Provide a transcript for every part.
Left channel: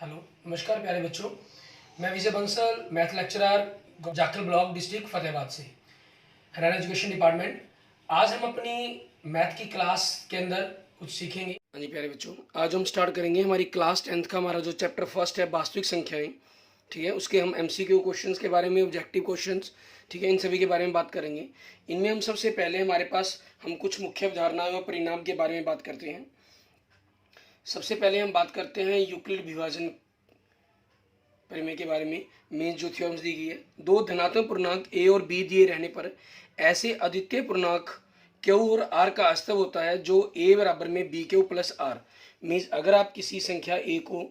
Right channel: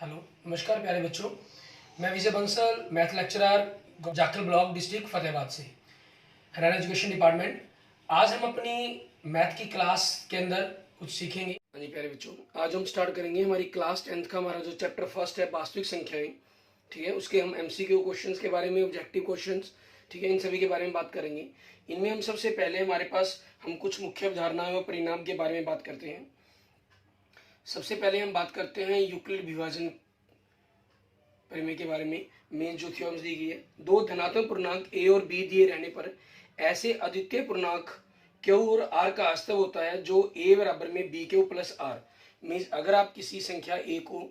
Hello, नमस्कार प्यारे बच्चों। मैं Vijay Bansal, math lecturer, Jakhal block, district Fatehabad से, हरियाणा एजुकेशन डिपार्टमेंट। आज हम अपनी मैथ की क्लास के अंदर कुछ सीखेंगे। हाँ जी प्यारे बच्चों, आज हम स्टार्ट करेंगे हमारी क्लास 10th का हमारा जो चैप्टर फर्स्ट है वास्तविक संख्याएं। ठीक है, उसके हम MCQ क्वेश्चंस के बारे में, ऑब्जेक्टिव क्वेश्चंस, ठीक है, इन सभी के बारे में बात करेंगे। इनमें हम सबसे पहले हमारे पास हम कुछ मुख्य अवधारणाएं और परिणाम के बारे में बात करते हैं। सबसे पहले हम बात करते हैं यूक्लिड विभाजन परिमेय के बारे में। मेन जो थ्योरम्स दी गई है, दो धनात्मक पूर्णांक a और b दिए रहने पर ऐसे अद्वितीय पूर्णांक q और r का अस्तव होता है जो a बराबर में bq प्लस r। मीन्स अगर आप किसी संख्या a को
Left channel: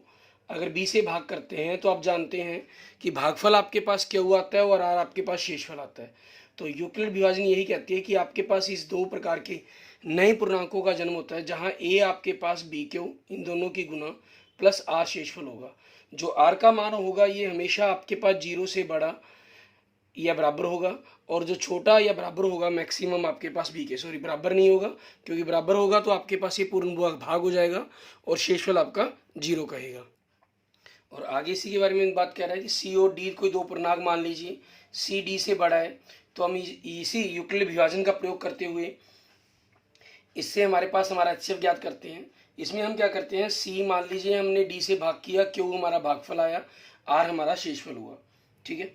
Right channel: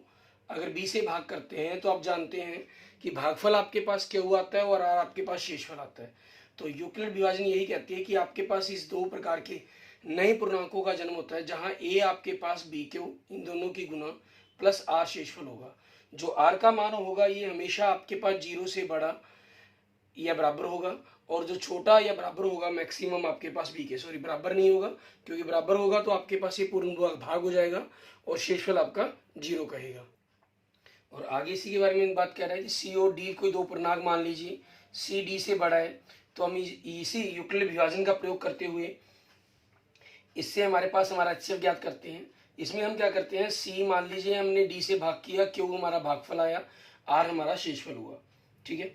अगर b से भाग करते हैं तो आप जानते हैं कि भागफल आपके पास q आता है और r आपके पास शेषफल आता है। तो यूक्लिड विभाजन यही कहती है कि आपके पास इस दो प्रकार के नए पूर्णांकों का जन्म होता है जहां a आपके पास bq इन दोनों की गुना प्लस r शेषफल होगा। जो r का मान होगा ये हमेशा आपके पास 0 से बड़ा या बराबर होगा, और जो छोटा या बराबर होगा मैक्सिमम आपके पास b के, सॉरी बराबर नहीं होगा, क्योंकि बराबर होगा तो आपके पास ये पूर्ण भाग हो जाएगा और शेषफल आपका 0 कहेगा। और आगे इसी के बारे में बात कर रहा है कि c और d कोई दो पूर्णांक मान लीजिए, c d से बड़ा है, तो हम इसी यूक्लिड विभाजन का प्रयोग करते हुए इससे हमारे पास हमारा HCF ज्ञात करते हैं। इसमें हम क्या करते हैं, c मान लीजिए हमने d से भाग किया, q हमारा भागफल आया, r हमारा शेषफल हुआ। ठीक है,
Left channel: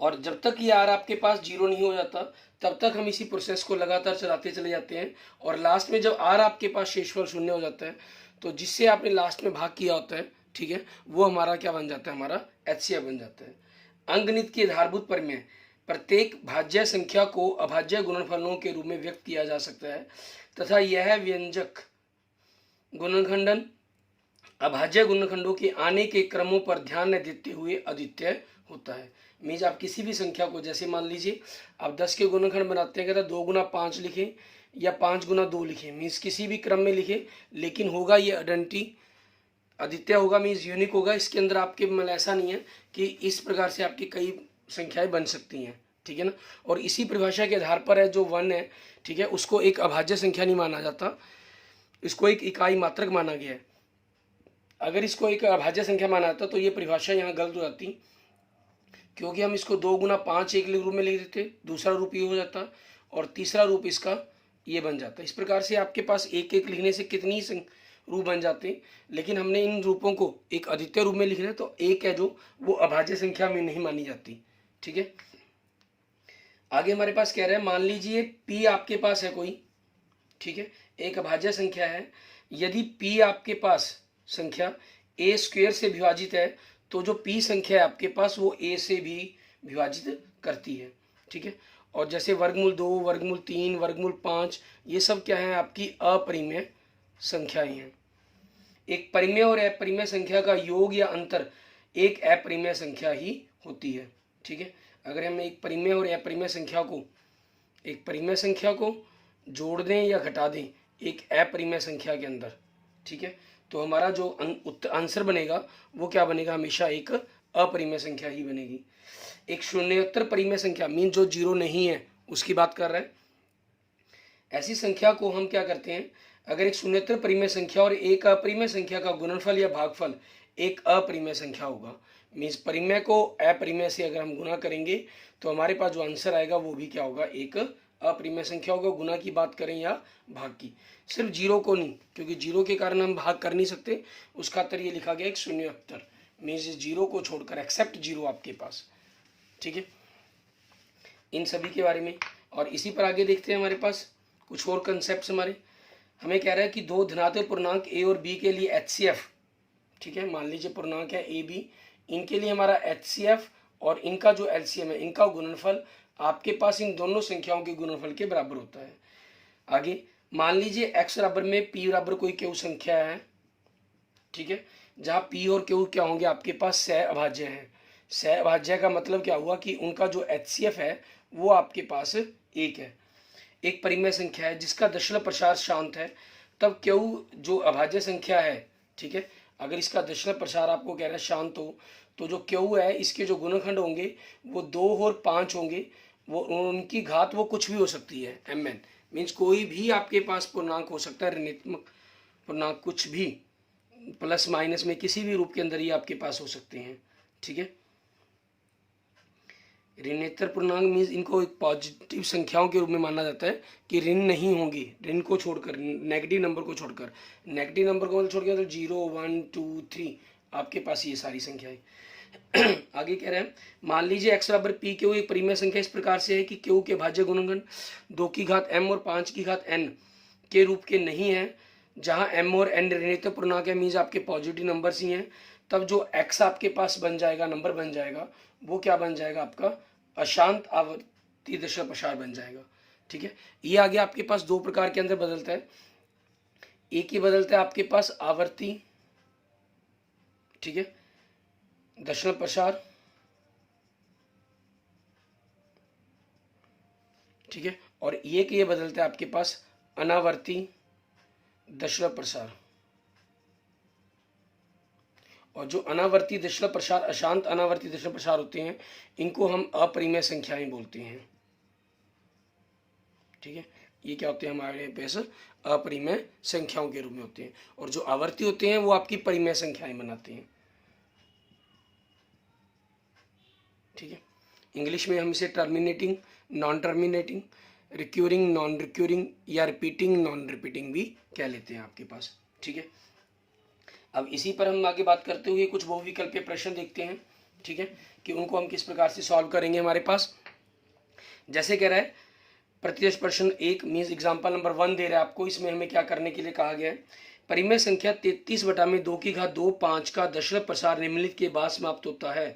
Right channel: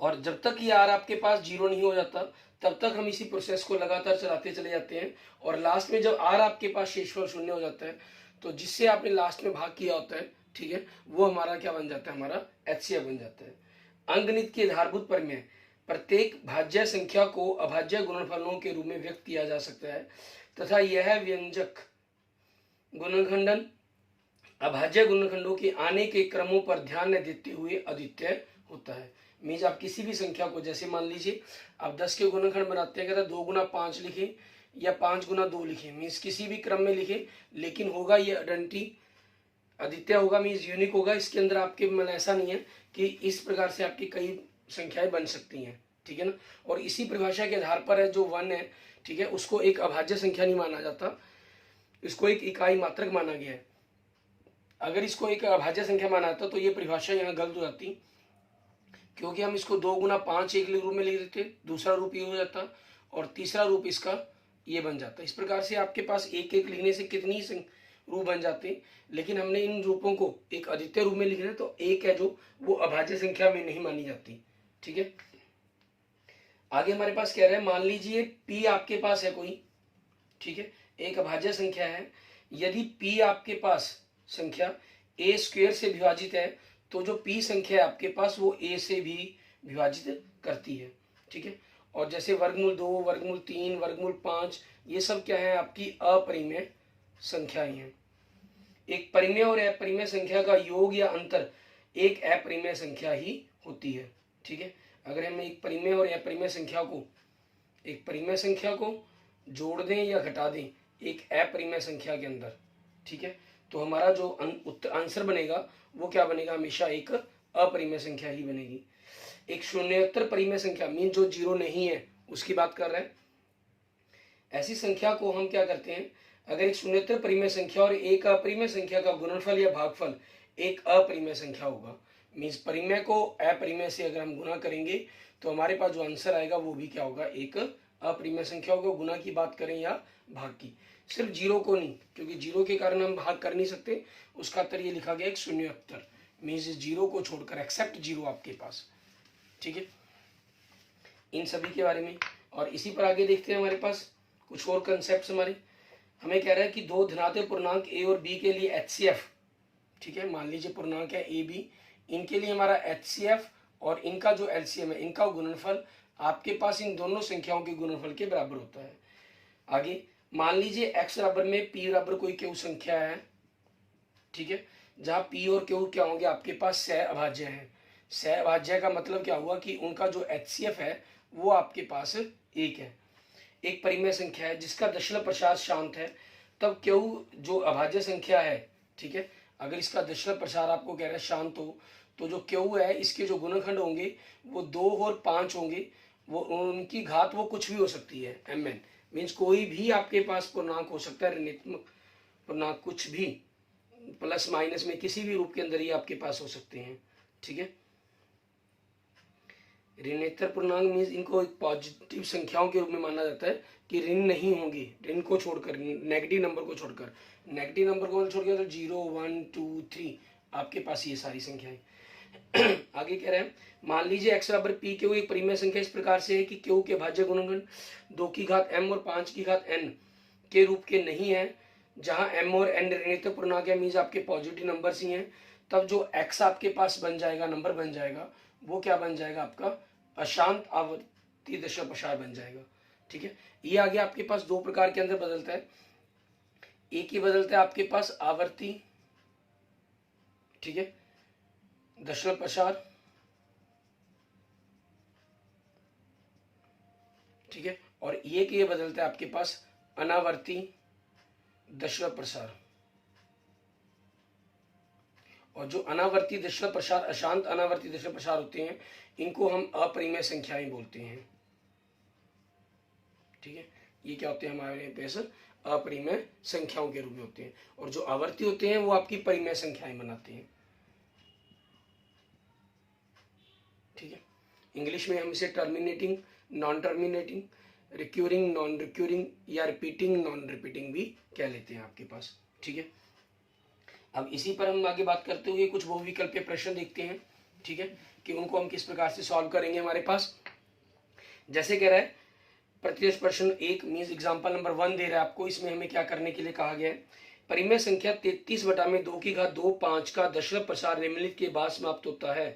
और जब तक ये r आपके पास 0 नहीं हो जाता तब तक हम इसी प्रोसेस को लगातार चलाते चले जाते हैं, और लास्ट में जब r आपके पास शेषफल 0 हो जाता है तो जिससे आपने लास्ट में भाग किया होता है, ठीक है, वो हमारा क्या बन जाता है, हमारा HCF बन जाता है। अंकगणित के आधारभूत परिमेय, प्रत्येक भाज्य संख्या को अभाज्य गुणनफलों के रूप में व्यक्त किया जा सकता है तथा यह व्यंजक गुणनखंडन अभाज्य गुणनखंडों के आने के क्रमों पर ध्यान न देते हुए अद्वितीय होता है। मीन्स आप किसी भी संख्या को, जैसे मान लीजिए आप 10 के गुणनखंड बनाते हैं, कहता 2 गुना 5 लिखें या 5 गुना 2 लिखें, मीन्स किसी भी क्रम में लिखें, लेकिन होगा ये आइडेंटिटी अद्वितीय होगा, मीन्स यूनिक होगा। इसके अंदर आपके मतलब ऐसा नहीं है कि इस प्रकार से आपकी कई संख्याएं बन सकती हैं, ठीक है ना। और इसी परिभाषा के आधार पर है जो 1 है, ठीक है, उसको एक अभाज्य संख्या नहीं माना जाता, इसको एक इकाई मात्रक माना गया है। अगर इसको एक अभाज्य संख्या माना जाता तो ये परिभाषा यहाँ गलत हो जाती, क्योंकि हम इसको 2 गुना 5 एक रूप में लिख देते, दूसरा रूप ये हो जाता और तीसरा रूप इसका ये बन जाता। इस प्रकार से आपके पास एक एक लिखने से कितनी रूप बन जाते हैं, लेकिन हमने इन रूपों को एक अद्वितीय रूप में लिखना है तो एक है जो वो अभाज्य संख्या में नहीं मानी जाती। ठीक है, आगे हमारे पास कह रहे हैं, मान लीजिए p आपके पास है कोई, ठीक है, एक अभाज्य संख्या है। यदि p आपके पास संख्या a स्क्वायर से विभाजित है तो जो p संख्या है आपके पास वो a से भी विभाजित करती है। ठीक है, और जैसे वर्गमूल 2, वर्गमूल 3, वर्गमूल 5, ये सब क्या है, आपकी अपरिमेय संख्याएं हैं। एक परिमेय और अपरिमेय संख्या का योग या अंतर एक अपरिमेय संख्या ही होती है। ठीक है, अगर हम एक परिमेय और अपरिमेय संख्या को जोड़ दें या घटा दें एक अपरिमेय संख्या के अंदर, ठीक है, तो हमारा जो आंसर बनेगा वो क्या बनेगा, हमेशा एक अपरिमेय संख्या ही बनेगी। एक शून्योत्तर परिमेय संख्या मीन जो 0 नहीं है उसकी बात कर रहे हैं। ऐसी संख्या को हम क्या करते हैं, अगर एक शून्योत्तर परिमेय संख्या और एक अपरिमेय संख्या का गुणनफल या भागफल एक अपरिमेय संख्या होगा, मीन्स परिमेय को अपरिमेय से अगर हम गुना करेंगे तो हमारे पास जो आंसर आएगा वो भी क्या होगा, एक अपरिमेय संख्या होगा। गुना की बात करें या भाग की, सिर्फ 0 को नहीं, क्योंकि 0 के कारण हम भाग कर नहीं सकते, उसका उत्तर ये लिखा गया एक शून्योत्तर, मीन्स 0 को छोड़कर एक्सेप्ट 0 आपके पास। ठीक है, इन सभी के बारे में। और इसी पर आगे देखते हैं, हमारे पास कुछ और कंसेप्ट हमारे, हमें कह रहा है कि दो धनात्मक पूर्णांक a और b के लिए HCF, ठीक है, मान लीजिए पूर्णांक है a b, इनके लिए हमारा HCF और इनका जो LCM है, इनका गुणनफल आपके पास इन दोनों संख्याओं के गुणनफल के बराबर होता है। आगे मान लीजिए x बराबर में p बराबर कोई q संख्या है, ठीक है, जहाँ p और q क्या होंगे, आपके पास सहअभाज्य है। सहअभाज्य का मतलब क्या हुआ कि उनका जो HCF है वो आपके पास एक है, एक परिमेय संख्या है जिसका दशमलव प्रसार शांत है, तब q जो अभाज्य संख्या है, ठीक है, अगर इसका दशमलव प्रसार आपको कह रहा है शांत हो, तो जो q है इसके जो गुणनखंड होंगे वो 2 और 5 होंगे, वो उनकी घात वो कुछ भी हो सकती है, mn, मीन्स कोई भी आपके पास पूर्णांक हो सकता है, ऋणात्मक पूर्णांक कुछ भी, प्लस माइनस में किसी भी रूप के अंदर ये आपके पास हो सकते हैं। ठीक है, ऋणेतर पूर्णांक मीन्स इनको एक पॉजिटिव संख्याओं के रूप में माना जाता है कि ऋण नहीं होंगे, ऋण को छोड़कर, नेगेटिव नंबर को छोड़कर, नेगेटिव नंबर को छोड़ के तो 0 1 2 3 आपके पास ये सारी संख्याएं। आगे कह रहे हैं, मान लीजिए x बराबर पी क्यू एक परिमेय संख्या इस प्रकार से है कि क्यू के भाज्य गुणनखंड 2 की घात m और 5 की घात n के रूप के नहीं है, जहां m और n ऋणात्मक पूर्णांक है, मीन्स आपके पॉजिटिव नंबर्स ही हैं, तब जो x आपके पास बन जाएगा, नंबर बन जाएगा, वो क्या बन जाएगा, आपका अशांत आवर्ती दशमलव प्रसार बन जाएगा। ठीक है, ये आगे आपके पास दो प्रकार के अंदर बदलता है। एक ही बदलता है आपके पास आवर्ती, ठीक है, दशमलव प्रसार, ठीक है, और एक ये बदलता है आपके पास अनावर्ती दशमलव प्रसार। और जो अनावर्ती दशमलव प्रसार, अशांत अनावर्ती दशमलव प्रसार होते हैं, इनको हम अपरिमेय संख्याएं बोलते हैं। ठीक है, ये क्या होते हैं, हमारे पास अपरिमेय संख्याओं के रूप में होते हैं, और जो आवर्ती होते हैं वो आपकी परिमेय संख्याएं बनाते हैं। ठीक है, इंग्लिश में हम इसे terminating, non terminating, recurring, non recurring या रिपीटिंग, नॉन रिपीटिंग भी कह लेते हैं आपके पास। ठीक है, अब इसी पर हम आगे बात करते हुए कुछ बहुविकल्पीय प्रश्न देखते हैं। ठीक है, कि उनको हम किस प्रकार से सॉल्व करेंगे। हमारे पास जैसे कह रहा है प्रत्यक्ष प्रश्न 1 मीन्स एग्जाम्पल नंबर 1 दे रहा है आपको, इसमें हमें क्या करने के लिए कहा गया है, परिमेय संख्या 33 बटा में 2 की घात 2 5 का दशमलव प्रसार निम्नलिखित के बाद समाप्त होता है।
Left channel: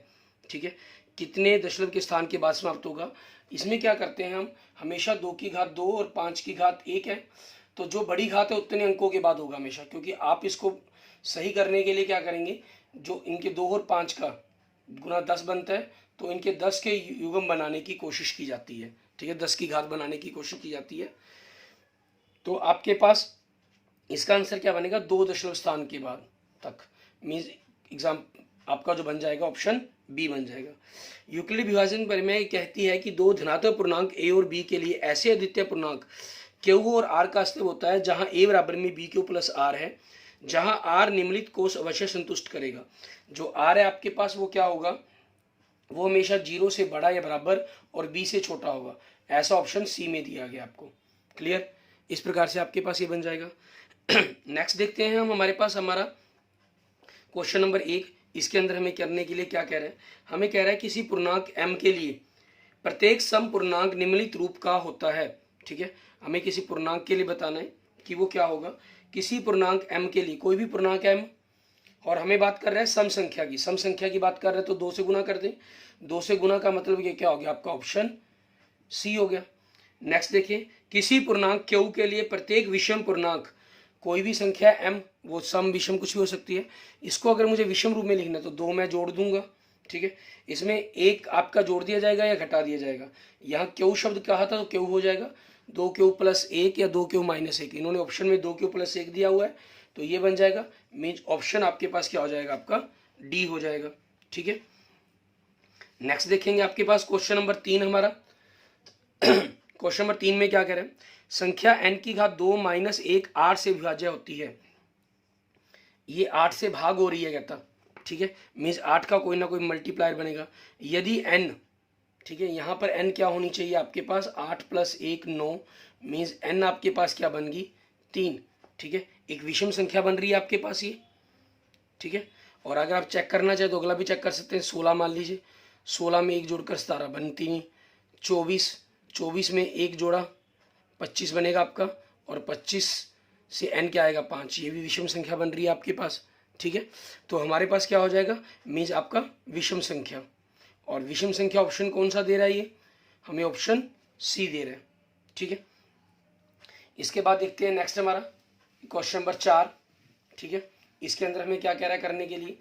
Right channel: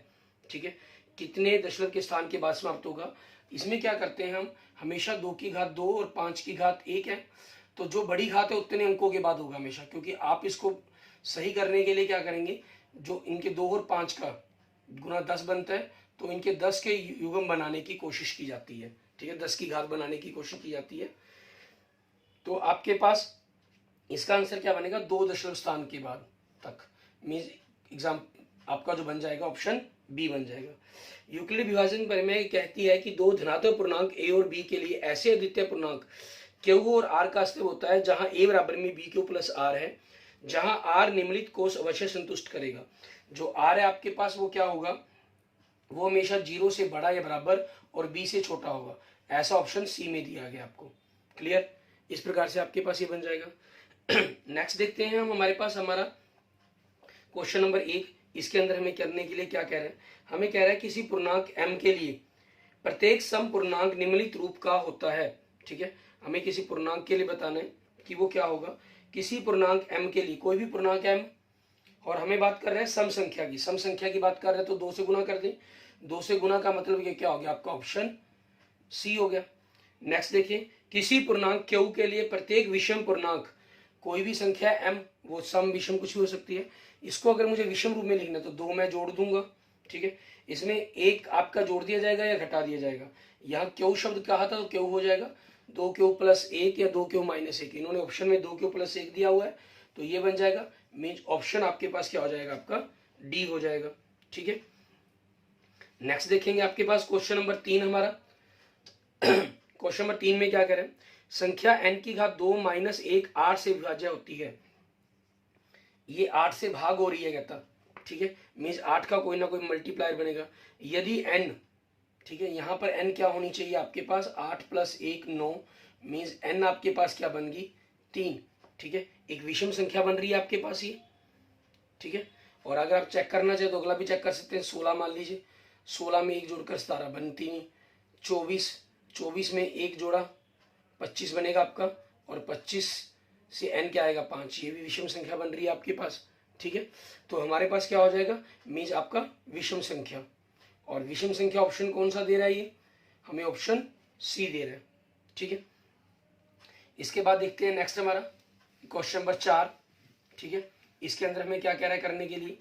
ठीक है, कितने दशमलव के स्थान के बाद समाप्त होगा। इसमें क्या करते हैं हम, हमेशा 2 की घात 2 और 5 की घात 1 है, तो जो बड़ी घात है उतने अंकों के बाद होगा हमेशा, क्योंकि आप इसको सही करने के लिए क्या करेंगे, जो इनके 2 और 5 का गुना 10 बनता है, तो इनके 10 के युग्म बनाने की कोशिश की जाती है। ठीक है, 10 की घात बनाने की कोशिश की जाती है, तो आपके पास इसका आंसर क्या बनेगा, 2 दशमलव स्थान के बाद तक, मीन्स एग्जाम आपका जो बन जाएगा ऑप्शन बी बन जाएगा। यूक्लिड विभाजन परिमेय कहती है कि दो धनात्मक पूर्णांक ए और बी के लिए ऐसे अद्वितीय पूर्णांक क्यू और आर का अस्तित्व होता है जहां ए बराबर में बी क्यू प्लस आर है, जहां आर निम्नलिखित कोष अवश्य संतुष्ट करेगा। जो आर है आपके पास वो क्या होगा, वो हमेशा 0 से बड़ा या बराबर और बी से छोटा होगा, ऐसा ऑप्शन सी में दिया गया आपको। क्लियर, इस प्रकार से आपके पास ये बन जाएगा। नेक्स्ट देखते हैं हम, हमारे पास हमारा क्वेश्चन नंबर 1, इसके अंदर हमें करने के लिए क्या कह रहे हैं, हमें कह रहा है किसी पूर्णांक m के लिए प्रत्येक सम पूर्णांक निम्नलिखित रूप का होता है। ठीक है, हमें किसी पूर्णांक के लिए बताना है कि वो क्या होगा, किसी पूर्णांक m के लिए, कोई भी पूर्णांक m, और हमें बात कर रहे हैं सम संख्या की, सम संख्या की बात कर रहे हैं तो 2 से गुना कर दें, 2 से गुना का मतलब ये क्या हो गया, आपका ऑप्शन सी हो गया। नेक्स्ट देखिए, किसी पूर्णांक q के लिए प्रत्येक विषम पूर्णांक, कोई भी संख्या m, वो सम विषम कुछ भी हो सकती है, इसको अगर मुझे विषम रूप में लिखना है तो 2 मैं जोड़ दूंगा। ठीक है, इसमें एक आपका जोड़ दिया जाएगा या घटा दिया जाएगा, यहाँ क्यू शब्द कहा था तो क्यू हो जाएगा 2q प्लस 1 या 2q माइनस 1, इन्होंने ऑप्शन में 2q प्लस 1 दिया हुआ है, तो ये बन जाएगा, मीन्स ऑप्शन आपके पास क्या हो जाएगा, आपका डी हो जाएगा। ठीक है, नेक्स्ट देखेंगे आपके पास क्वेश्चन नंबर 3 हमारा। क्वेश्चन नंबर 3 में क्या कह रहे हैं, संख्या n की घात 2 माइनस 1 8 से विभाज्य होती है, ये 8 से भाग हो रही है कहता। ठीक है, मीन्स 8 का कोई ना कोई मल्टीप्लायर बनेगा, यदि n, ठीक है, यहाँ पर n क्या होनी चाहिए आपके पास, 8 प्लस 1 9, मीन्स n आपके पास क्या बन गई 3। ठीक है, एक विषम संख्या बन रही है आपके पास ये। ठीक है, और अगर आप चेक करना चाहे तो अगला भी चेक कर सकते हैं, 16 मान लीजिए, 16 में 1 जोड़कर 17 बनती नहीं, 24 में 1 जोड़ा 25 बनेगा आपका, और 25 से n क्या आएगा 5, ये भी विषम संख्या बन रही है आपके पास। ठीक है, तो हमारे पास क्या हो जाएगा, मीन्स आपका विषम संख्या, और विषम संख्या ऑप्शन कौन सा दे रहा है, ये हमें ऑप्शन सी दे रहा है। ठीक है, इसके बाद देखते हैं नेक्स्ट हमारा क्वेश्चन नंबर 4। ठीक है, इसके अंदर हमें क्या कह रहा है करने के लिए,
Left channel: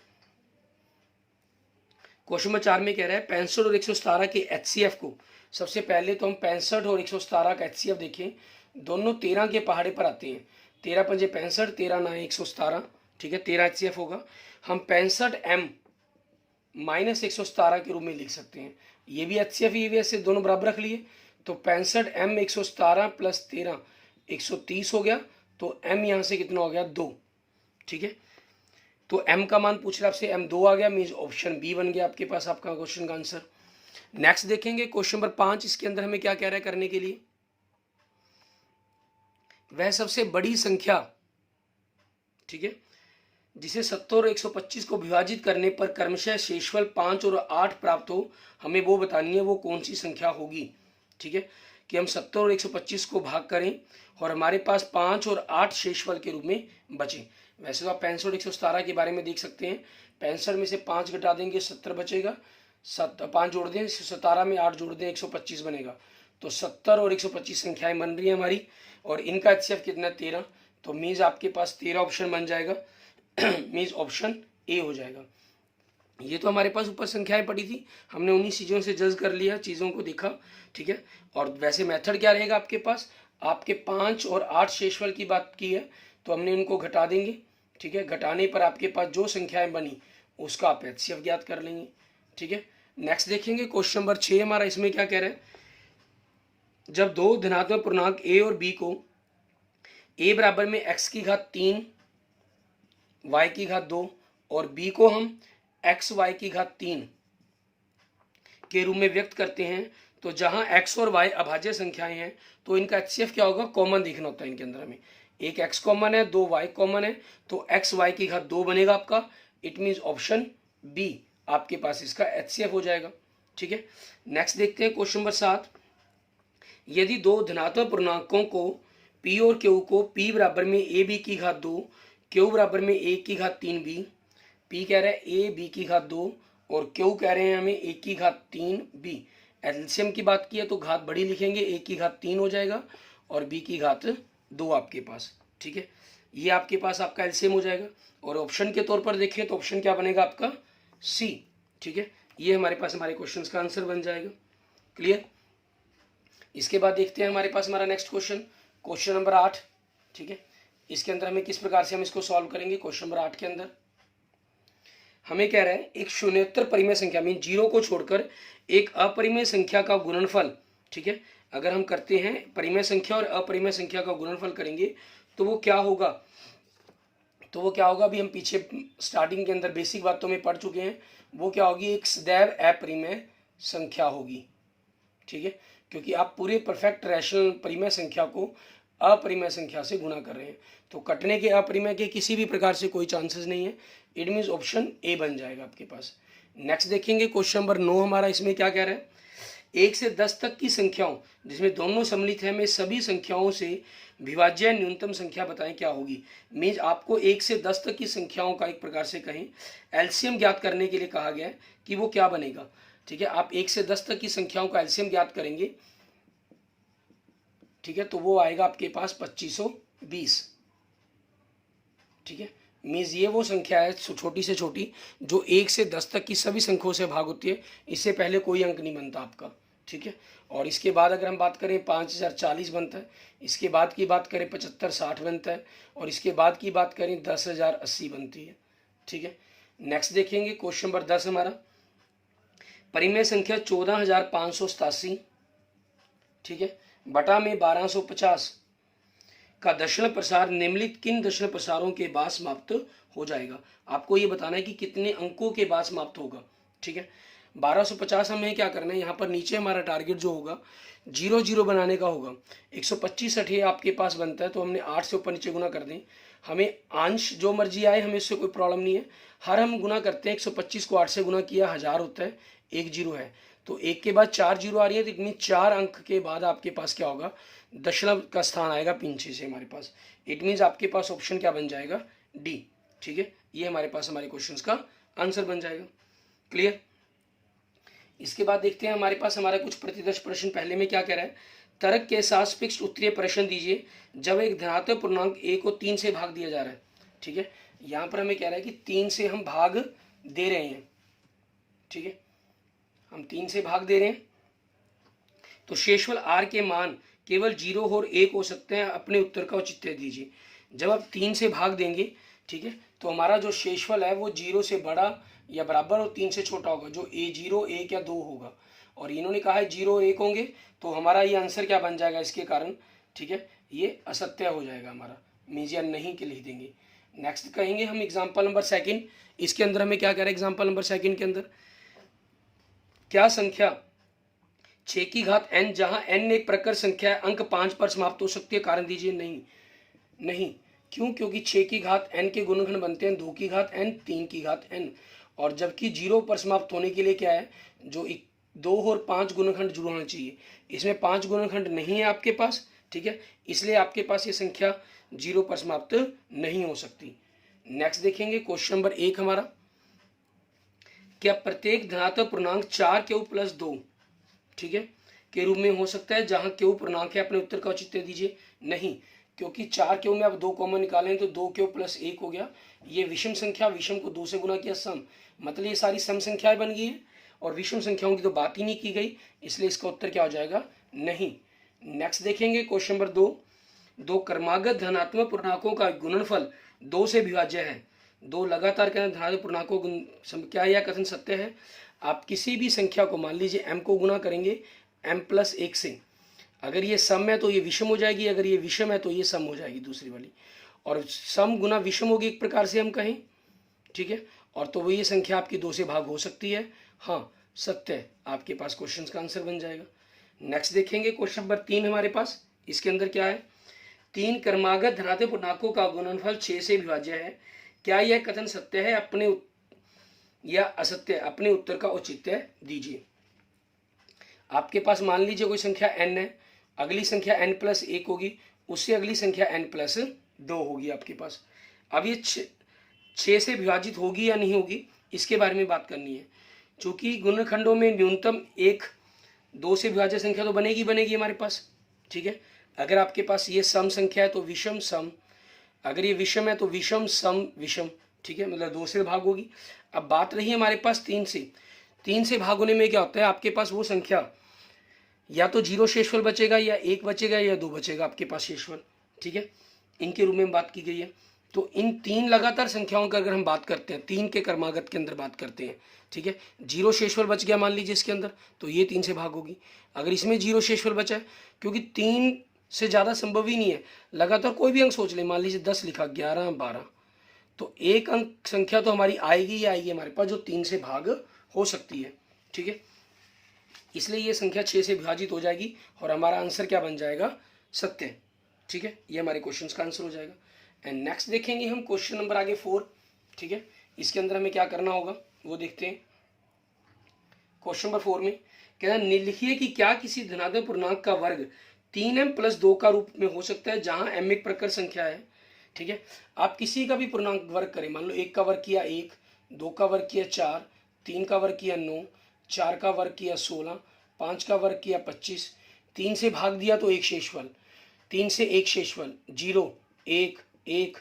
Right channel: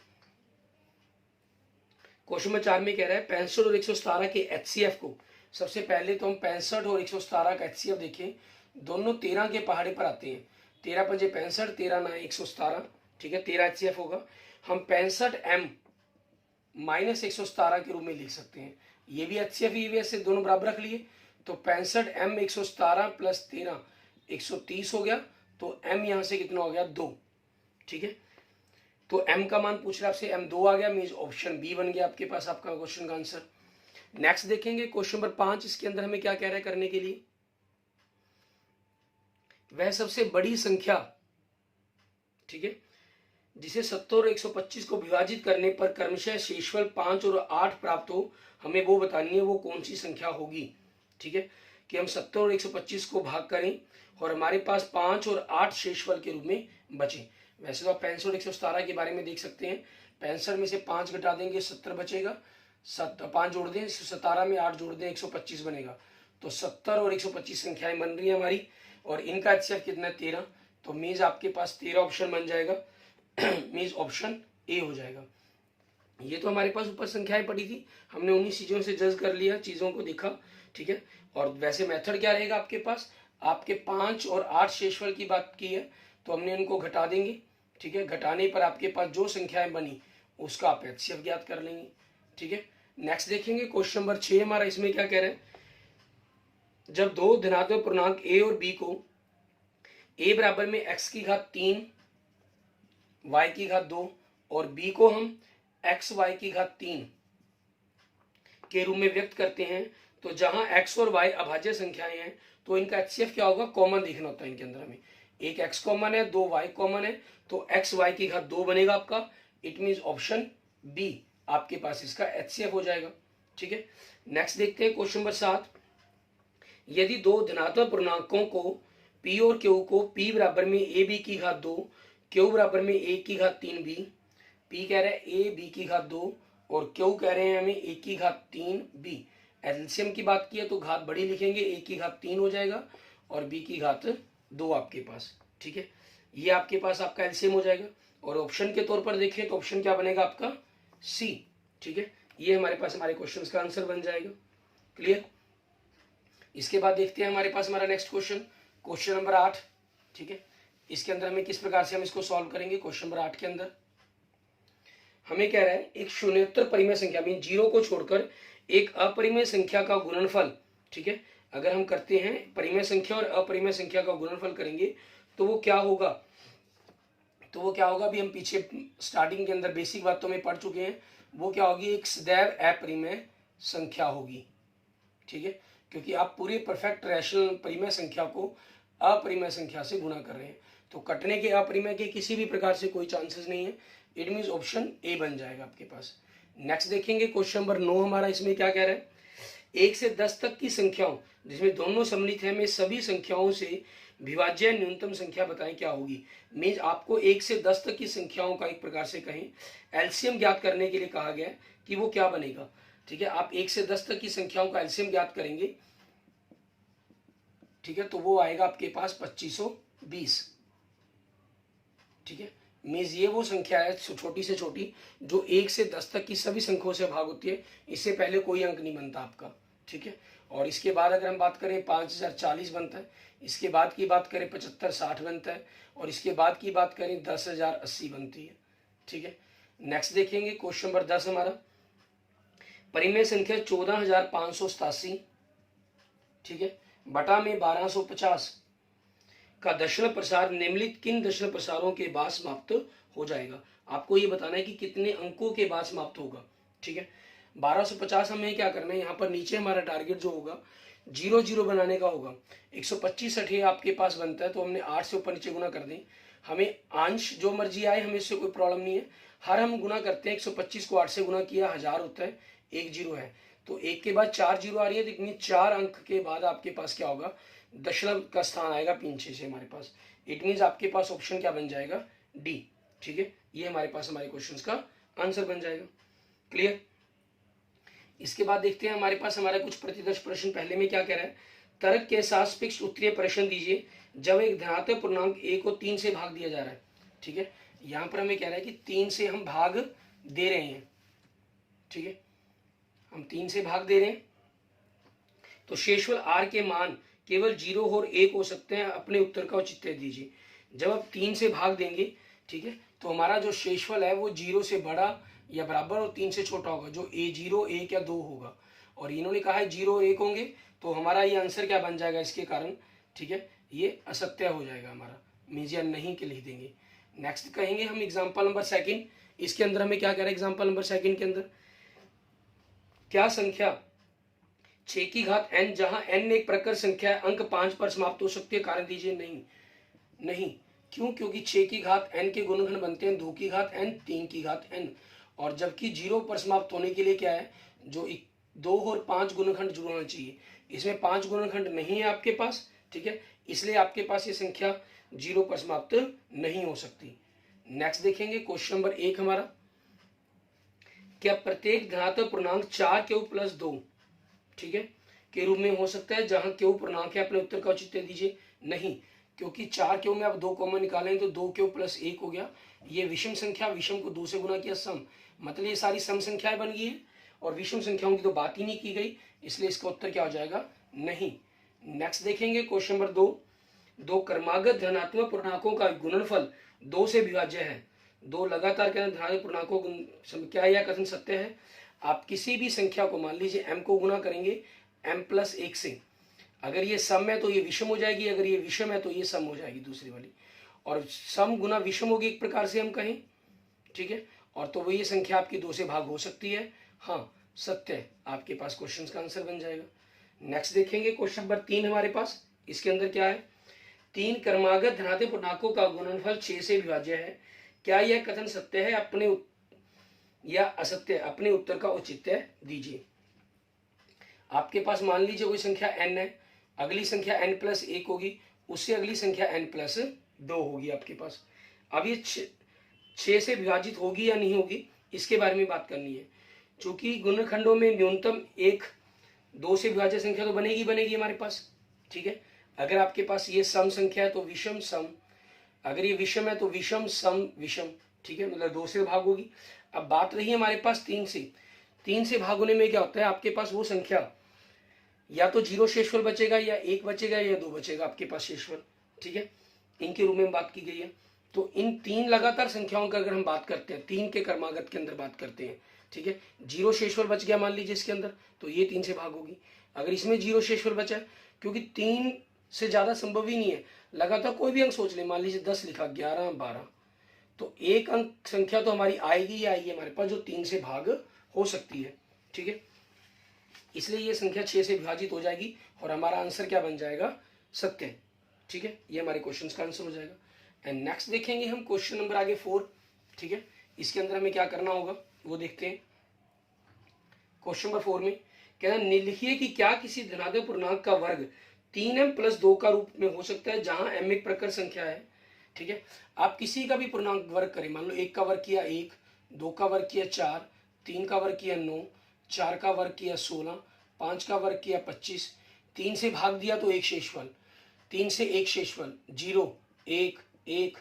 क्वेश्चन नंबर 4 में कह रहा है 65 और 117 के HCF को, सबसे पहले तो हम 65 और 117 का HCF देखें, दोनों 13 के पहाड़े पर आते हैं, 13 पंजे 65, 13 ना 117। ठीक है, 13 HCF होगा, हम 65m माइनस 117 के रूप में लिख सकते हैं, ये भी HCF ये भी HCF दोनों बराबर रख लिए, तो 65m 117 प्लस 13 130 हो गया, तो m यहाँ से कितना हो गया 2। ठीक है, तो m का मान पूछ रहा है आपसे, m 2 आ गया, मीन्स ऑप्शन बी बन गया आपके पास आपका क्वेश्चन का आंसर। नेक्स्ट देखेंगे क्वेश्चन नंबर 5, इसके अंदर हमें क्या कह रहा है करने के लिए, वह सबसे बड़ी संख्या, ठीक है, जिसे 70 और 125 को विभाजित करने पर क्रमशः शेषफल 5 और 8 प्राप्त हो, हमें वो बतानी है वो कौन सी संख्या होगी। ठीक है, कि हम 70 और 125 को भाग करें और हमारे पास 5 और 8 शेषफल के रूप में बचे। वैसे तो आप 65 और 117 के बारे में देख सकते हैं, 65 में से 5 घटा देंगे 70 बचेगा, 5 जोड़ दें 17 में 8 जोड़ दें 125 बनेगा। तो 70 और 125 संख्याएं बन रही है हमारी, और इनका HCF कितना 13, तो मीन्स आपके पास 13 ऑप्शन बन जाएगा, मीन्स ऑप्शन ए हो जाएगा। ये तो हमारे पास ऊपर संख्याएं पड़ी थी, हमने उन्हीं चीज़ों से जज कर लिया, चीज़ों को देखा। ठीक है, और वैसे मेथड क्या रहेगा आपके पास, आपके 5 और 8 शेषफल की बात की है तो हमने उनको घटा देंगे। ठीक है, घटाने पर आपके पास जो संख्याएं बनी उसका आप HCF ज्ञात कर लेंगे। ठीक है, नेक्स्ट देखेंगे क्वेश्चन नंबर 6 हमारा, इसमें क्या कह रहा है, जब दो धनात्मक पूर्णांक a और b को a बराबर में x की घात 3 y की घात 2 और b को हम x y की घात 3 के रूप में व्यक्त करते हैं, तो जहां x और y अभाज्य संख्याएं हैं तो इनका HCF क्या होगा, कॉमन देखना होता है इनके अंदर हमें। एक x कॉमन है, 2 y कॉमन है, तो x y की घात 2 बनेगा आपका, इट मीन्स ऑप्शन बी आपके पास इसका HCF हो जाएगा। ठीक है, नेक्स्ट देखते हैं क्वेश्चन नंबर 7, यदि दो धनात्मक पूर्णांकों को p और q को p बराबर में a b की घात 2, q बराबर में a की घात 3 b, p कह रहा है a b की घात 2 और q कह रहे हैं हमें a की घात 3 b। एलसीएम की बात की है तो घात बड़ी लिखेंगे, a की घात 3 हो जाएगा और b की घात 2 आपके पास। ठीक है, ये आपके पास आपका एलसीएम हो जाएगा, और ऑप्शन के तौर पर देखें तो ऑप्शन क्या बनेगा आपका सी। ठीक है, ये हमारे पास हमारे क्वेश्चन का आंसर बन जाएगा। क्लियर। इसके बाद देखते हैं हमारे पास हमारा नेक्स्ट क्वेश्चन, क्वेश्चन नंबर 8। ठीक है, इसके अंदर हमें किस प्रकार से हम इसको सॉल्व करेंगे। क्वेश्चन नंबर 8 के अंदर हमें कह रहा है एक शून्योत्तर परिमेय संख्या मीन 0 को छोड़कर एक अपरिमेय संख्या का गुणनफल। ठीक है, अगर हम करते हैं परिमेय संख्या और अपरिमेय संख्या का गुणनफल करेंगे तो वो क्या होगा, अभी हम पीछे स्टार्टिंग के अंदर बेसिक बातों में पढ़ चुके हैं, वो क्या होगी, एक सदैव अपरिमेय संख्या होगी। ठीक है, क्योंकि आप पूरे परफेक्ट रैशनल परिमेय संख्या को अपरिमेय संख्या से गुणा कर रहे हैं, तो कटने के अपरिमेय के किसी भी प्रकार से कोई चांसेस नहीं है, इट मीन्स ऑप्शन ए बन जाएगा आपके पास। नेक्स्ट देखेंगे क्वेश्चन नंबर 9 हमारा, इसमें क्या कह रहा है, 1 से 10 तक की संख्याओं जिसमें दोनों सम्मिलित है में सभी संख्याओं से विभाज्य न्यूनतम संख्या बताएं क्या होगी। मीन्स आपको 1 से 10 तक की संख्याओं का एक प्रकार से कहें एलसीएम ज्ञात करने के लिए कहा गया है कि वो क्या बनेगा। ठीक है, आप 1 से 10 तक की संख्याओं का एलसीएम ज्ञात करेंगे। ठीक है, तो वो आएगा आपके पास 2520। ठीक है, मीन्स ये वो संख्या है छोटी से छोटी जो 1 से 10 तक की सभी संख्याओं से भाग होती है, इससे पहले कोई अंक नहीं बनता आपका। ठीक है, और इसके बाद अगर हम बात करें 5040 बनता है, इसके बाद की बात करें 7560 बनता है, और इसके बाद की बात करें 10080 बनती है। ठीक है, नेक्स्ट देखेंगे क्वेश्चन नंबर 10 हमारा, परिमेय संख्या 14587, ठीक है, बटा में 1250 का दशमलव प्रसार निम्नलिखित किन दशमलव प्रसारों के बाद समाप्त हो जाएगा। आपको ये बताना है कि कितने अंकों के बाद समाप्त होगा। ठीक है, 1250 हमें क्या करना है, यहाँ पर नीचे हमारा टारगेट जो होगा 0 बनाने का होगा। 125 60 आपके पास बनता है तो हमने 8 से ऊपर नीचे गुना कर दें, हमें अंश जो मर्जी आए हमें इससे कोई प्रॉब्लम नहीं है। हर हम गुना करते हैं, 125 को 8 से गुना किया 1000 होता है, 1 0 है, तो 1 के बाद 4 0 आ रही है, तो इतनी 4 अंक के बाद आपके पास क्या होगा, दशमलव का स्थान आएगा पीछे से हमारे पास। इट मीन्स आपके पास ऑप्शन क्या बन जाएगा, डी। ठीक है, ये हमारे पास हमारे क्वेश्चंस का आंसर बन जाएगा। क्लियर। इसके बाद देखते हैं हमारे पास हमारा कुछ प्रतिदर्श प्रश्न। पहले में क्या कह रहा है, तर्क के साथ फिक्स्ड उत्तरीय प्रश्न दीजिए जब एक धनात्मक पूर्णांक a को 3 से भाग दिया जा रहा है। ठीक है, यहाँ पर हमें कह रहा है कि 3 से हम भाग दे रहे हैं। ठीक है, हम 3 से भाग दे रहे हैं तो शेषफल r के मान केवल 0 और 1 हो सकते हैं, अपने उत्तर का औचित्य दीजिए। जब आप 3 से भाग देंगे, ठीक है, तो हमारा जो शेषफल है वो 0 से बड़ा या बराबर और 3 से छोटा होगा, जो a 0 1 या 2 होगा, और इन्होंने कहा है 0 1 होंगे, तो हमारा ये आंसर क्या बन जाएगा इसके कारण। ठीक है, ये असत्य हो जाएगा हमारा, मीजिया नहीं के लिख देंगे। नेक्स्ट कहेंगे हम एग्जाम्पल नंबर सेकंड। इसके अंदर हमें क्या कह रहा है एग्जाम्पल नंबर सेकंड के अंदर, क्या संख्या 6 की घात n जहां n एक प्रकर संख्या है अंक 5 पर समाप्त हो सकती है? कारण दीजिए। नहीं, नहीं। क्यों? क्योंकि 6 की घात n के गुणनखंड बनते हैं 2 की घात n, 3 की घात n, और जबकि 0 पर समाप्त होने के लिए क्या है, जो 2 और 5 गुणनखंड जुड़ होना चाहिए। इसमें 5 गुणनखंड नहीं है आपके पास, ठीक है, इसलिए आपके पास ये संख्या 0 पर समाप्त नहीं हो सकती। नेक्स्ट देखेंगे क्वेश्चन नंबर 1 हमारा, क्या प्रत्येक धनात्मक पूर्णांक 4 क्यू प्लस 2, ठीक है, के रूप में हो सकता है जहां क्यू पूर्णांक है? अपने उत्तर का औचित्य दीजिए। नहीं, क्योंकि 4 क्यू में आप 2 कॉमन निकालें तो 2 क्यू प्लस 1 हो गया। ये विषम संख्या, विषम को 2 से गुना किया सम, मतलब ये सारी सम संख्याएं बन गई है और विषम संख्याओं की तो बात ही नहीं की गई, इसलिए इसका उत्तर क्या हो जाएगा? नहीं। नेक्स्ट देखेंगे क्वेश्चन नंबर 2, दो क्रमागत धनात्मक पूर्णांकों का गुणनफल 2 से विभाज्य है। दो लगातार धनात्मक पूर्णांकों क्या यह कथन सत्य है? आप किसी भी संख्या को मान लीजिए m को गुना करेंगे m प्लस 1 से, अगर ये सम है तो ये विषम हो जाएगी, अगर ये विषम है तो ये सम हो जाएगी दूसरी वाली, और सम गुना विषम होगी एक प्रकार से हम कहें, ठीक है, और तो वो ये संख्या आपकी 2 से भाग हो सकती है। हाँ, सत्य है, आपके पास क्वेश्चन का आंसर बन जाएगा। नेक्स्ट देखेंगे क्वेश्चन नंबर 3 हमारे पास। इसके अंदर क्या है, 3 क्रमागत धनात्मक पूर्णांकों का गुणनफल 6 से विभाज्य है। क्या यह कथन सत्य है अपने या असत्य? अपने उत्तर का औचित्य दीजिए। आपके पास मान लीजिए कोई संख्या n है, अगली संख्या n प्लस 1 होगी, उससे अगली संख्या n प्लस 2 होगी आपके पास। अब ये 6 से विभाजित होगी या नहीं होगी, इसके बारे में बात करनी है। चूंकि गुणनखंडों में न्यूनतम एक 2 से विभाज्य संख्या तो बनेगी बनेगी हमारे पास, ठीक है। अगर आपके पास ये सम संख्या है तो विषम सम, अगर ये विषम है तो विषम सम विषम, ठीक है, मतलब 2 से भाग होगी। अब बात रही हमारे पास 3 से, 3 से भाग होने में क्या होता है, आपके पास वो संख्या या तो 0 शेषफल बचेगा या 1 बचेगा या 2 बचेगा आपके पास शेषफल, ठीक है, इनके रूप में बात की गई है। तो इन 3 लगातार संख्याओं का अगर हम बात करते हैं, 3 के क्रमागत के अंदर बात करते हैं, ठीक है, 0 शेषफल बच गया मान लीजिए इसके अंदर, तो ये 3 से भाग होगी। अगर इसमें 0 शेषफल बचा है, क्योंकि 3 से ज़्यादा संभव ही नहीं है, लगातार कोई भी अंक सोच ले, मान लीजिए 10 लिखा, 11, 12, तो एक अंक संख्या तो हमारी आएगी ही आएगी हमारे पास, जो 3 से भाग हो सकती है, ठीक है, इसलिए ये संख्या 6 से विभाजित हो जाएगी और हमारा आंसर क्या बन जाएगा? सत्य, ठीक है, ये हमारे क्वेश्चन का आंसर हो जाएगा। एंड नेक्स्ट देखेंगे हम क्वेश्चन नंबर आगे 4, ठीक है, इसके अंदर हमें क्या करना होगा वो देखते हैं। क्वेश्चन नंबर 4 में कहना, लिखिए कि क्या किसी धनात्मक पूर्णांक का वर्ग 3m प्लस 2 का रूप में हो सकता है जहां m एक प्रकर संख्या है, ठीक है। आप किसी का भी पूर्णांक वर्ग करें, मान लो 1 का वर्ग किया 1, 2 का वर्ग किया 4, 3 का वर्ग किया 9, 4 का वर्ग किया 16, 5 का वर्ग किया 25, 3 से भाग दिया तो एक शेषफल, 3 से एक शेषफल 0, 1, 1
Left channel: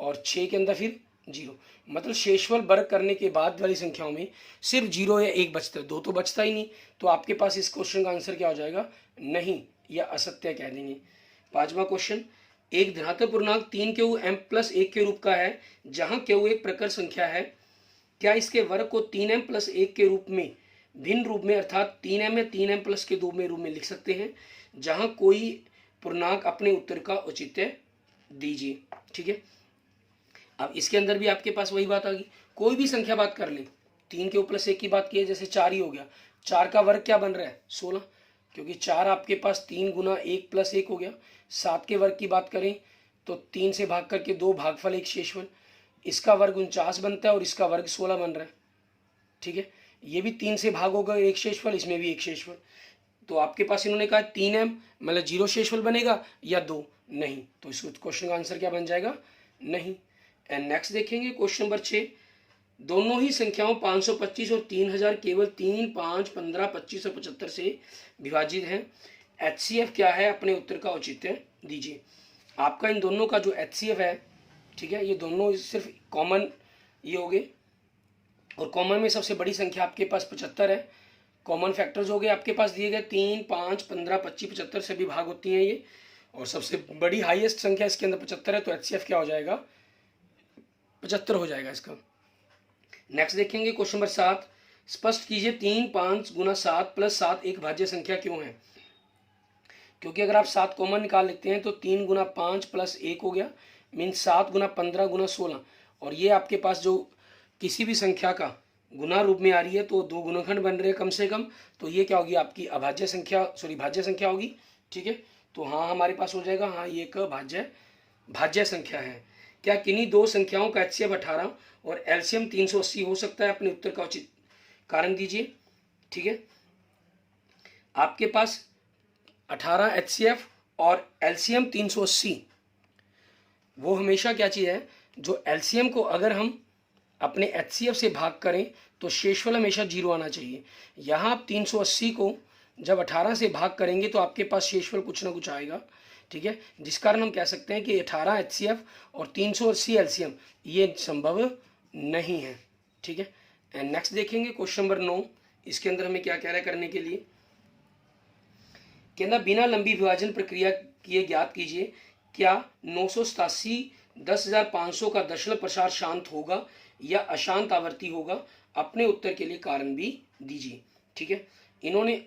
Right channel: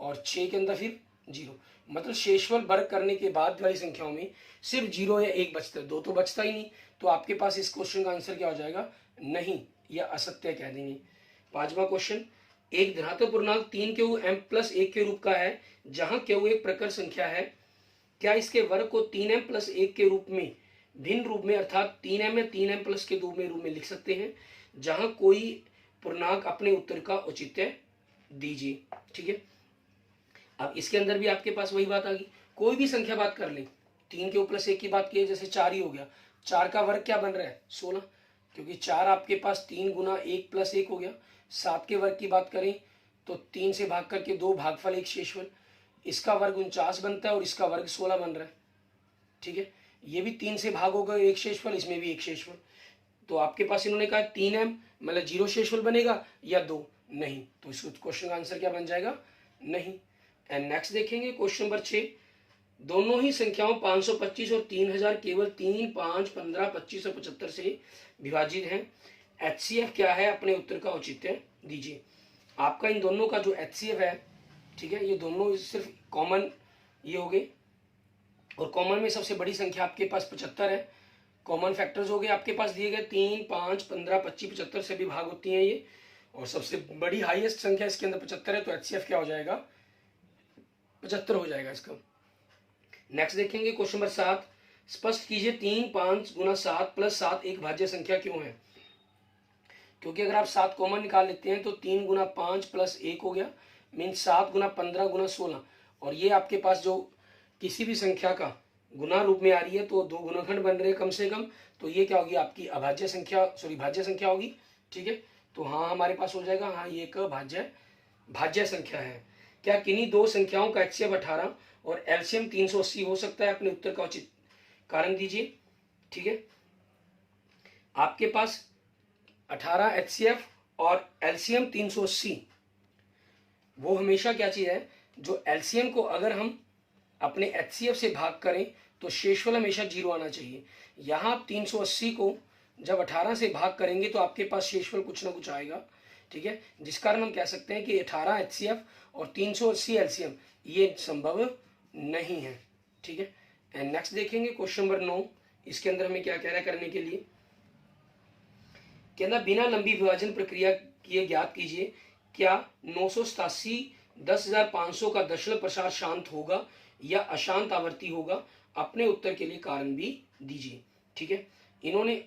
और 6 के अंदर फिर 0, मतलब शेषफल वर्ग करने के बाद वाली संख्याओं में सिर्फ 0 या 1 बचता है, 2 तो बचता ही नहीं। तो आपके पास इस क्वेश्चन का आंसर क्या हो जाएगा? नहीं, या असत्य कह देंगे। 5वां क्वेश्चन, एक धनात्मक पूर्णांक 3 क्यू m प्लस 1 के रूप का है जहां क्यू एक प्रकर संख्या है, क्या इसके वर्ग को 3m प्लस 1 के रूप में भिन्न रूप में अर्थात 3m या 3m प्लस के रूप में लिख सकते हैं जहां कोई पूर्णांक? अपने उत्तर का औचित्य दीजिए, ठीक है। अब इसके अंदर भी आपके पास वही बात आ गई, कोई भी संख्या बात कर ले, 3 के प्लस 1 की बात की है, जैसे 4 ही हो गया, 4 का वर्ग क्या बन रहा है? 16, क्योंकि 4 आपके पास 3 गुना 1 प्लस 1 हो गया। 7 के वर्ग की बात करें तो 3 से भाग करके 2 भागफल 1 शेषफल, इसका वर्ग 49 बनता है और इसका वर्ग 16 बन रहा है, ठीक है। ये भी 3 से भाग होगा 1 शेषफल, इसमें भी 1 शेषफल। तो आपके पास इन्होंने कहा 3m मतलब 0 शेषफल बनेगा या 2, नहीं, तो इस क्वेश्चन का आंसर क्या बन जाएगा? नहीं। एंड नेक्स्ट देखेंगे क्वेश्चन नंबर 6, दोनों ही संख्याओं 525 और 3000 केवल 3, 5, 15, 25 और 75 से विभाजित है। HCF क्या है? अपने उत्तर का औचित्य दीजिए। आपका इन दोनों का जो HCF है, ठीक है, ये दोनों सिर्फ कॉमन ये हो गए, और कॉमन में सबसे बड़ी संख्या आपके पास 75 है। कॉमन फैक्टर्स हो गए आपके पास दिए गए 3, 5, 15, 25, 75 से भी भाग होती हैं ये, और सबसे बड़ी हाईएस्ट संख्या इसके अंदर 75 है, तो HCF क्या हो जाएगा? 75 हो जाएगा इसका। नेक्स्ट देखेंगे क्वेश्चन नंबर 7, स्पष्ट कीजिए 3, 5 गुना 7 प्लस 7 एक भाज्य संख्या क्यों है? क्योंकि अगर आप 7 कॉमन निकाल लेते हैं तो 3 गुना 5 प्लस 1 हो गया, मीन 7 गुना 15 गुना 16, और ये आपके पास जो किसी भी संख्या का गुना रूप में आ रही है तो दो गुणनखंड बन रहे हैं कम से कम, तो ये क्या होगी आपकी अभाज्य संख्या, सॉरी भाज्य संख्या होगी। ठीक है, तो हाँ हमारे पास हो जाएगा, हाँ ये एक भाज्य संख्या है। क्या किन्हीं दो संख्याओं का HCF 18 और LCM 380 हो सकता है? अपने उत्तर का उचित कारण दीजिए। ठीक है, आपके पास 18 HCF और LCM 380, वो हमेशा क्या चीज़ है, जो LCM को अगर हम अपने HCF से भाग करें तो शेषफल हमेशा 0 आना चाहिए। यहाँ आप 380 को जब 18 से भाग करेंगे तो आपके पास शेषफल कुछ ना कुछ आएगा। ठीक है, जिस कारण हम कह सकते हैं कि 18 HCF और 380 LCM ये संभव नहीं है। ठीक है, एंड नेक्स्ट देखेंगे क्वेश्चन नंबर 9। इसके अंदर हमें क्या कह रहा है करने के लिए, कहना बिना लंबी विभाजन प्रक्रिया किए ज्ञात कीजिए क्या 987 10,500 का दशमलव प्रसार शांत होगा या अशांत आवर्ती होगा? अपने उत्तर के लिए कारण भी दीजिए। ठीक है, इन्होंने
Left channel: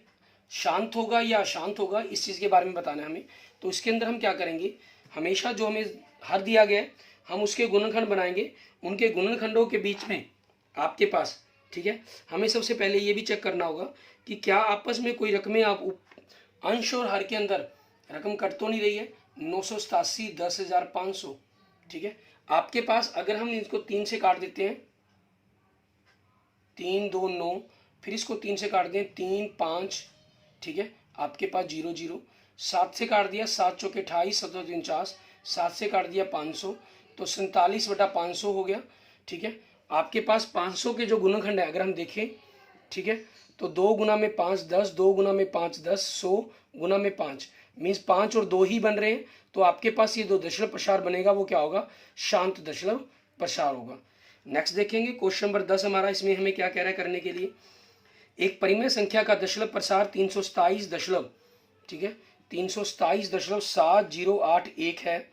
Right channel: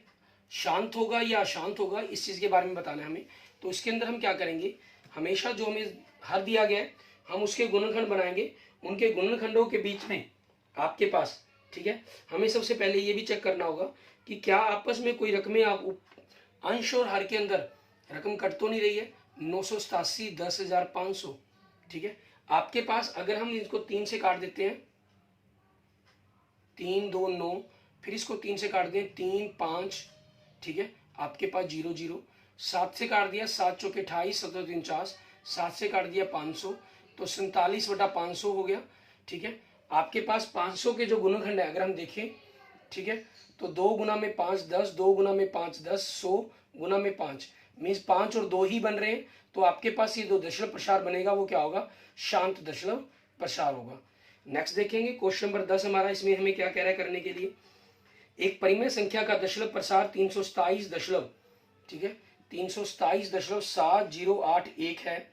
शांत होगा या अशांत होगा इस चीज के बारे में बताना है हमें। तो इसके अंदर हम क्या करेंगे, हमेशा जो हमें हर दिया गया है हम उसके गुणनखंड बनाएंगे, उनके गुणनखंडों के बीच में आपके पास, ठीक है, हमें सबसे पहले ये भी चेक करना होगा कि क्या आपस में कोई रकमें आप अंश और हर के अंदर रकम कट तो नहीं रही है। 987 10,500, ठीक है, आपके पास अगर हम इसको 3 से काट देते हैं, 3 2 9, फिर इसको 3 से काट दें 3 5, ठीक है, आपके पास 0 0, 7 से काट दिया 7 चौके 28, 7 49, 7 से काट दिया 500, तो 47/500 हो गया। ठीक है, आपके पास 500 के जो गुणनखंड है अगर हम देखें, ठीक है, तो 2 गुना में 5 10, 2 गुना में 5 10, 100 गुना में 5 मीन्स 5 और 2 ही बन रहे हैं, तो आपके पास ये दो दशमलव प्रसार बनेगा, वो क्या होगा, शांत दशमलव प्रसार होगा। नेक्स्ट देखेंगे क्वेश्चन नंबर 10 हमारा, इसमें हमें क्या कह रहा है करने के लिए, एक परिमेय संख्या का दशमलव प्रसार 327 दशमलव, ठीक है, 327.7081 है।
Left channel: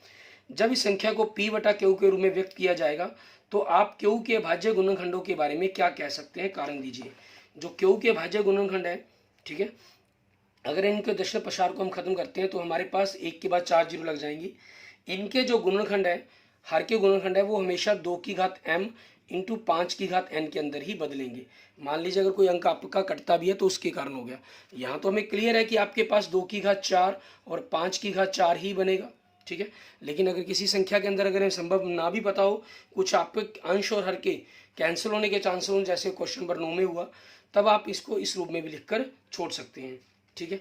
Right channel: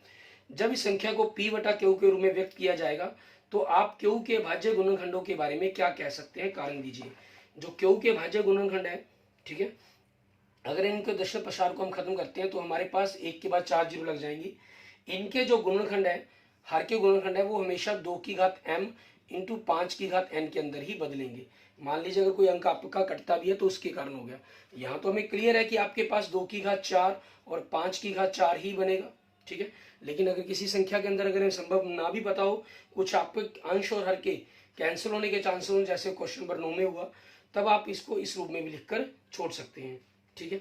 जब इस संख्या को P बटा Q के रूप में व्यक्त किया जाएगा तो आप Q के भाज्य गुणनखंडों के बारे में क्या कह सकते हैं, कारण दीजिए। जो Q के भाज्य गुणनखंड है, ठीक है, अगर इनके दशमलव प्रसार को हम खत्म करते हैं तो हमारे पास एक के बाद 4 जीरो लग जाएंगी। इनके जो गुणनखंड है, हर के गुणनखंड है, वो हमेशा 2 की घात m इंटू 5 की घात n के अंदर ही बदलेंगे। मान लीजिए अगर कोई अंक आपका कटता भी है तो उसके कारण हो गया। यहाँ तो हमें क्लियर है कि आपके पास 2 की घात 4 और 5 की घात 4 ही बनेगा। ठीक है, लेकिन अगर किसी संख्या के अंदर अगर संभव ना भी पता हो, कुछ आपके अंश और हर के कैंसिल होने के चांसेस हो, जैसे क्वेश्चन नंबर 9 में हुआ, तब आप इसको इस रूप में भी लिखकर छोड़ सकते हैं। ठीक है,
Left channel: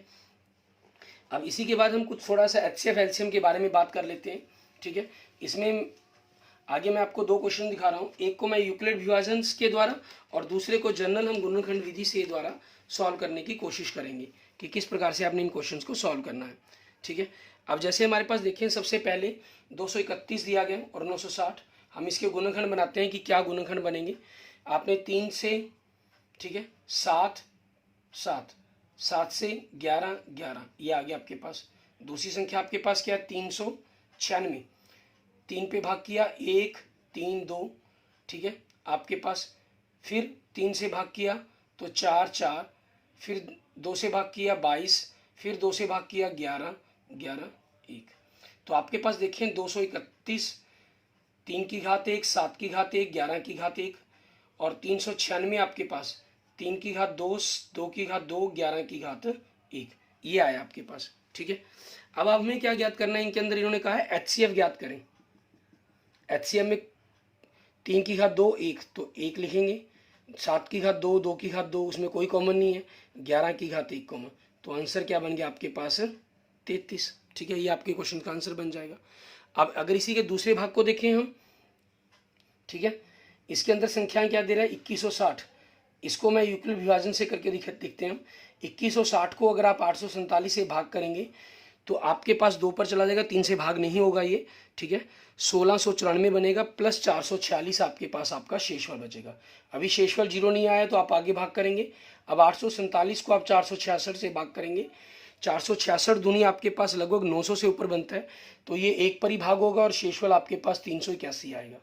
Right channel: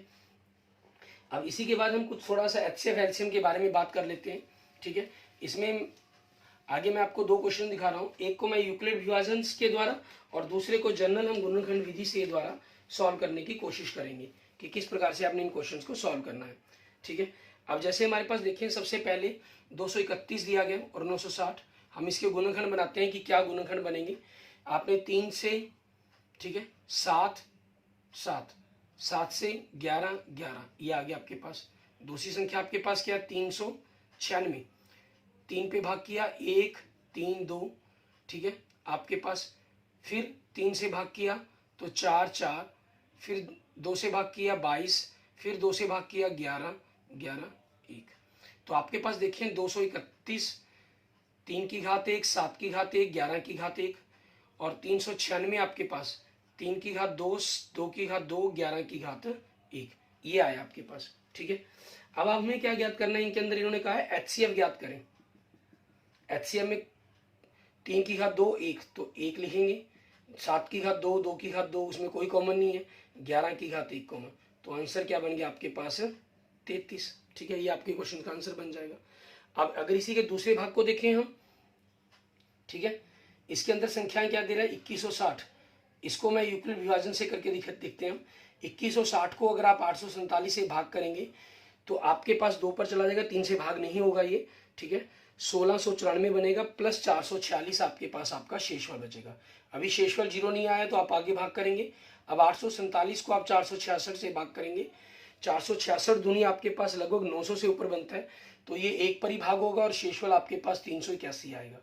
अब इसी के बाद हम कुछ थोड़ा सा HCF LCM के बारे में बात कर लेते हैं। ठीक है, इसमें आगे मैं आपको 2 क्वेश्चन दिखा रहा हूँ, एक को मैं यूक्लिड विभाजन के द्वारा और दूसरे को जनरल हम गुणनखंड विधि से द्वारा सॉल्व करने की कोशिश करेंगे कि किस प्रकार से आपने इन क्वेश्चंस को सॉल्व करना है। ठीक है, अब जैसे हमारे पास देखें, सबसे पहले 231 दिया गया और 960, हम इसके गुणनखंड बनाते हैं कि क्या गुणनखंड बनेंगे। आपने 3 से, ठीक है, 7 7, 7 से 11 11, ये आ गया आपके पास। दूसरी संख्या आपके पास क्या है, 396, 3 पे भाग किया 1 3 2, ठीक है, आपके पास फिर 3 से भाग किया तो 4 4, फिर 2 से भाग किया 22, फिर 2 से भाग किया 11 11 1, तो आपके पास देखिए 231, 3 की घात 1, 7 की घात 1, 11 की घात 1, और 396 आपके पास 3 की घात 2, 2 की घात 2, 11 की घात 1, ये आया आपके पास। ठीक है, अब हमें क्या ज्ञात करना है, इनके अंदर इन्होंने कहा है HCF ज्ञात करें। HCF में 3 की घात 2 1, तो 1 लिखेंगे, 7 की घात 2, 2 की घात 2, उसमें कोई कॉमन नहीं है, 11 की घात 1 कॉमन, तो आंसर क्या बन गया आपके पास, 33। ठीक है, ये आपके क्वेश्चन का आंसर बन जाएगा। अब अगर इसी के दूसरे भाग को देखें हम, ठीक है, इसके अंदर संख्याएं क्या दे रहा है, 2160, इसको मैं यूक्लिड विभाजन से करके देखते हैं। 2160 को अगर आप 847 से भाग करेंगे तो आपके पास 2 पर चला जाएगा, 3 से भाग नहीं होगा ये। ठीक है, 1694 बनेगा प्लस 446 आपके पास आपका शेषफल बचेगा। अभी शेषफल 0 नहीं आया तो आप आगे भाग करेंगे। अब 847 को आप 466 से भाग करेंगे, 466 दूनी आपके पास लगभग 900 से ऊपर बनता है, तो ये 1 पर ही भाग होगा और शेषफल आपके पास 381 आएगा।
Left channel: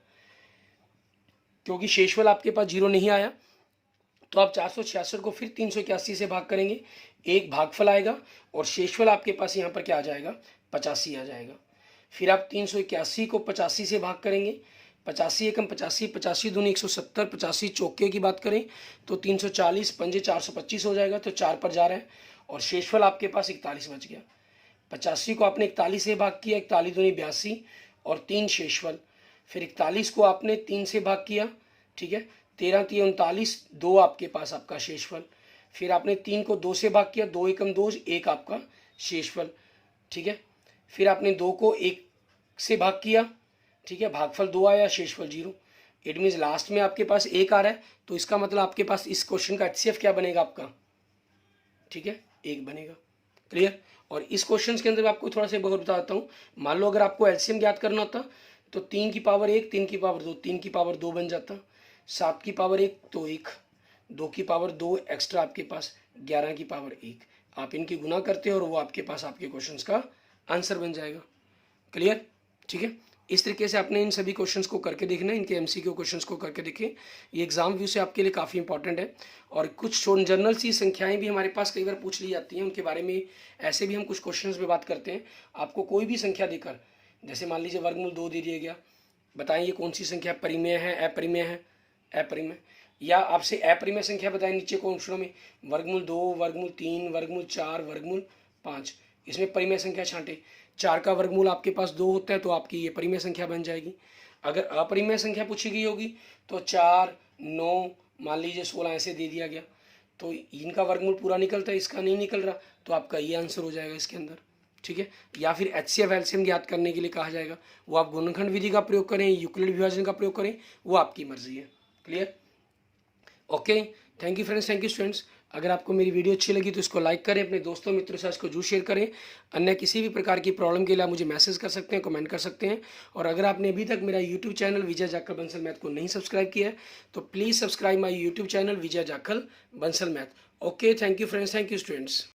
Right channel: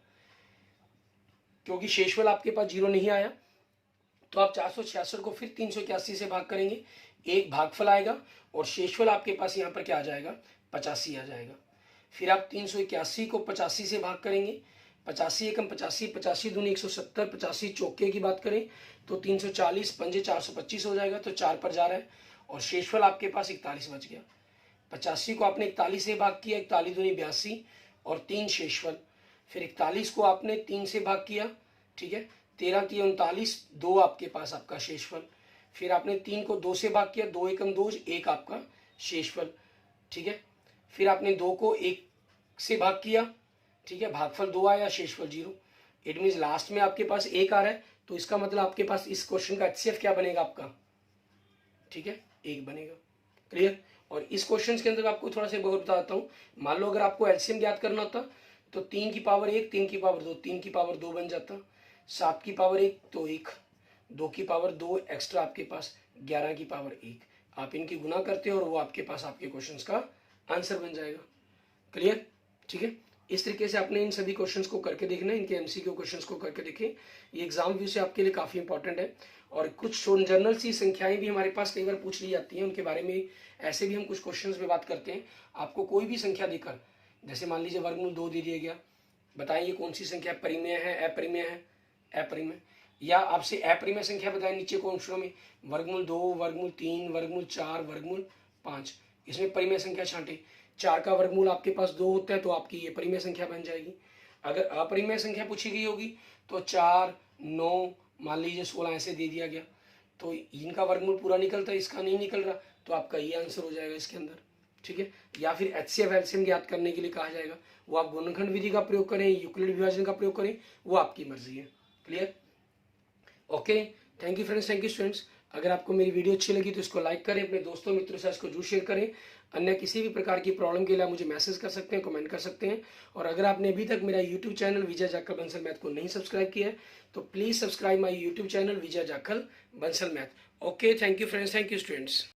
क्योंकि शेषफल आपके पास 0 नहीं आया तो आप 466 को फिर 381 से भाग करेंगे, एक भागफल आएगा और शेषफल आपके पास यहाँ पर क्या आ जाएगा, 85 आ जाएगा। फिर आप 381 को 85 से भाग करेंगे, 85 एकम 85, 85 दूनी 170, 85 चौके की बात करें तो 340, पंजे 425 हो जाएगा, तो 4 पर जा रहा है और शेषफल आपके पास 41 बच गया। 85 को आपने 41 से भाग किया, 41 दूनी 82 और 3 शेषफल। फिर 41 को आपने 3 से भाग किया, ठीक है, 13 3 39, 2 आपके पास आपका शेषफल। फिर आपने 3 को 2 से भाग किया, 2 एकम 2, 1 आपका शेषफल, ठीक है। फिर आपने 2 को 1 से भाग किया, ठीक है, भागफल 2 आया, शेषफल 0। इट मीन्स लास्ट में आपके पास 1 आ रहा है, तो इसका मतलब आपके पास इस क्वेश्चन का HCF क्या बनेगा आपका, ठीक है, 1 बनेगा। क्लियर। और इस क्वेश्चन के अंदर आपको थोड़ा सा बहुत बताता हूँ। मान लो अगर आपको LCM ज्ञात करना होता तो 3 की पावर 1, 3 की पावर 2, 3 की पावर 2 बन जाता, 7 की पावर 1 तो 1, 2 की पावर 2 एक्स्ट्रा आपके पास 11 की पावर 1। आप इनकी गुना करते हो और वो आपके पास आपके क्वेश्चंस का आंसर बन जाएगा। क्लियर, ठीक है। इस तरीके से आपने इन सभी क्वेश्चंस को करके देखना है, इनके MCQ क्वेश्चंस को करके देखें। ये एग्जाम व्यू से आपके लिए काफ़ी इंपॉर्टेंट है। और कुछ जनरल सी संख्याएं भी हमारे पास कई बार पूछ ली जाती हैं, उनके बारे में ऐसे भी हम कुछ क्वेश्चंस में बात करते हैं। आपको कोई भी संख्या देकर, जैसे मान लीजिए वर्गमूल 2 दे दिया गया, बताएं ये कौन सी संख्या परिमेय है, अपरिमेय है, अपरिमेय, या आपसे अपरिमेय संख्या बताएं नीचे क्वेश्चनों में, वर्गमूल 2, वर्गमूल 3, वर्गमूल 4, वर्गमूल 5, इसमें परिमेय संख्या छांटे। 4 का वर्गमूल आपके पास 2 होता है तो आपकी ये परिमेय संख्या बन जाएगी। अगर अपरिमेय संख्या पूछी गई होगी तो 4, 9, मान लीजिए 16 ऐसे दे दिया गया, तो इनका वर्गमूल पूरा निकलता है, इसका नहीं निकल रहा, तो आपका ये आंसर हो जाएगा इसके अंदर, ठीक है। या फिर HCF LCM ज्ञात करने के लिए कहा जाएगा, वो आप गुणनखंड विधि का प्रयोग करें, यूक्लिड विभाजन का प्रयोग करें, वो आपकी मर्जी है। Clear, okay. Thank you friends, thank you students. अगर आपको मेरी वीडियो अच्छी लगी तो इसको लाइक करें, अपने दोस्तों मित्रों से इसको जरूर शेयर करें। अन्य किसी भी प्रकार की प्रॉब्लम के लिए आप मुझे मैसेज कर सकते हैं, कमेंट कर सकते हैं। और अगर आपने अभी तक मेरा यूट्यूब चैनल विजय जाखल बंसल मैथ को नहीं सब्सक्राइब किया है तो please subscribe my YouTube channel Vijay Jakhal Bansal math. Okay, thank you friends, thank you students.